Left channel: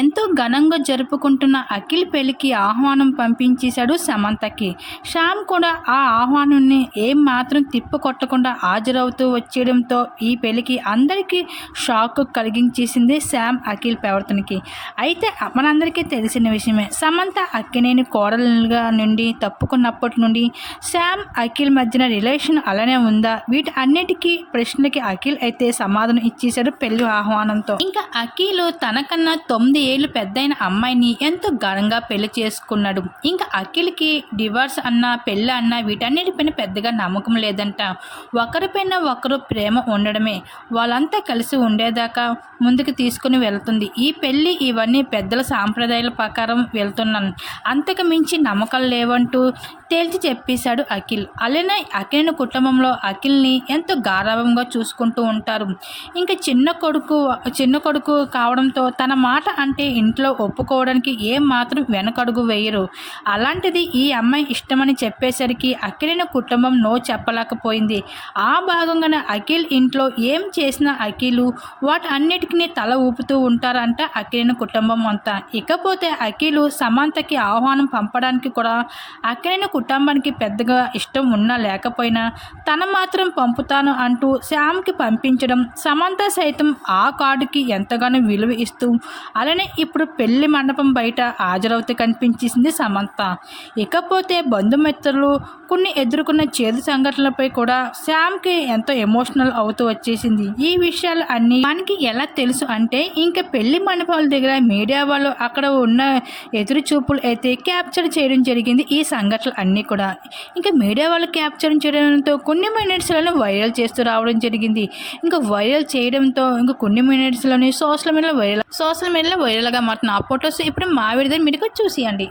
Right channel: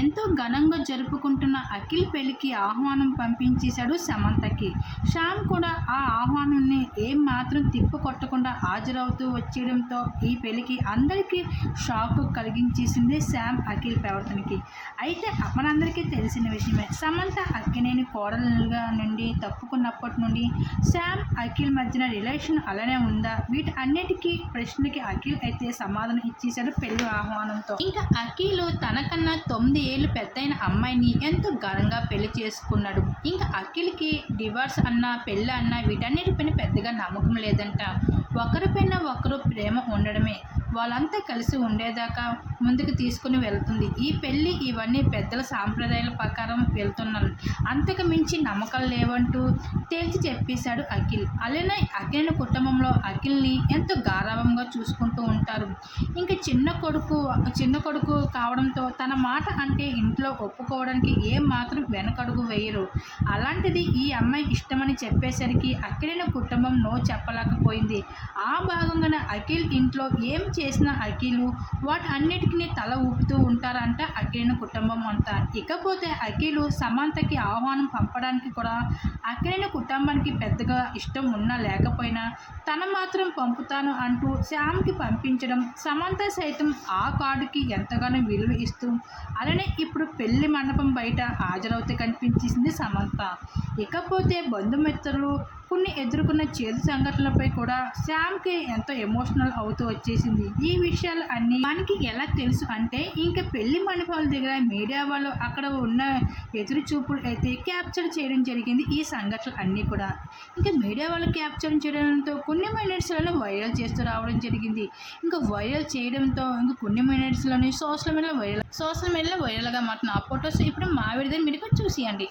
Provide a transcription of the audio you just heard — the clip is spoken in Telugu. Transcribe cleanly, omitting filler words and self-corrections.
ఎంతో ఘనంగా జరుపుకుంటున్న అఖిల్ పెళ్లికి ఆహ్వానం పంపించేశాడు సమంతకి. శ్యామ్ కూడా ఆ ఆహ్వానాన్ని ఏం మాత్రం తిప్పికొట్టకుండా హాజరవుతూ వచ్చేయడంతో ఈ పెళ్లికి అందరికీ షాక్ కలిగించేసింది శ్యామ్ అఖిల్ ప్రవర్తనకి. అయితే మనందరికీ తెలిసిన విషయమే, సమంత అక్కినేని కోడలుగా నుండి తప్పుకున్నప్పటి నుండి శ్యామ్ అఖిల్ మధ్యన రిలేషన్ అలానే ఉందా, వీటి అన్నిటికీ ప్రశ్నలకి అఖిల్ అయితే సమాధానం ఇచ్చేశాడు పెళ్లి ఆహ్వానంతో. ఇంకా అఖిల్ తనకన్నా 9 ఏళ్ళు పెద్దయిన అమ్మాయిని ఎంతో ఘనంగా పెళ్లి చేసుకున్నాడు. ఇంకా అఖిల్కి డివోర్స్ అన్నా పెళ్ళి అన్నా వీటన్నిటిపైన పెద్దగా నమ్మకం లేదంట. ఒకరిపైన ఒకరు ప్రేమ ఉండడమే వాళ్ళంతా కలిసి ఉండేదాకా ముందుకు తీసుకుని వెళ్తుంది ఈ పెళ్ళి. ఇవన్నీ పెద్దల సాంప్రదాయాల ప్రకారం వెళ్తున్నాను, అంతకు మించి నమ్మకాలు లేవంటూ తేల్చి చెప్పేశాడు అఖిల్. అలానే అఖిల్ కుటుంబంలో అఖిల్ని ఎంతో గారాభంగా చూసుకుంటూ ఉంటారు. ఇంకా చిన్న కొడుకు కావడంతో తన మాట అంటే ఇంట్లో ఒప్పుకోవడానికి ఏం మాత్రం వెనకడుగు వేయరు. అలాంటిది ఈ అమ్మాయి ఇష్టమని చెప్పేసరికి అఖిల్ కుటుంబం నో చెప్పలేకపోయింది. ఆ భాగంగానే అఖిల్ ఇంట్లో ఏం చేసినా అఖిల్ వాటి అన్నిటికీ తల ఊపుతూ ఉంటారంట అఖిల్ కుటుంబం అంతా. ఇకపోతే అఖిల్ సమంతకి ఆహ్వానం పంపడానికి కూడా అఖిల్ కుటుంబానికి పెద్దగా ఇష్టం ఉన్నా లేకపోయినా తన మాత్రం పంపుతాను అంటూ శ్యామ్కి పంపించడం, సమంత సైతం ఆ కార్డుకి ఎంతగానో విలువ ఇస్తూ అలానే ఇప్పుడు పెళ్లి మండపం బయట హాజరవుతూ కనిపించేసింది సమంత. ఇకపోతే బంధుమిత్రులు కొన్ని ఎదుర్కొన్న చేదు సంఘటనలపై కూడా శ్యామ్కి ఎంతో ఎమోషనల్ అవుతూ వచ్చేసింది. ఈ విషయాలు అన్నీ మనకి ఎలా తెలుసు అంటే, ఇంకా పెళ్లి మండపాల దగ్గర మీడియా వాళ్ళు అక్కడ ఉన్న ఎదురు చూపులు అయితే క్యాప్చర్ చేయడం జరిగింది. ఈ సంఘటనలు అన్నీ కూడా ఇంకా మీడియా వాళ్ళు క్యాప్చర్ చేయడంతో కొన్ని మినిట్స్లోనే వైరల్ చేస్తూ రావడం జరిగింది. ఇంకా వైరల్ చేయడంతో ఇంకా కొన్ని మినిట్స్లోనే సోషల్ మీడియాలో వైరల్గా మారుతున్న ఆ ఫొటోస్ ఇప్పుడు మా విడుదల మీకు చూసియండి.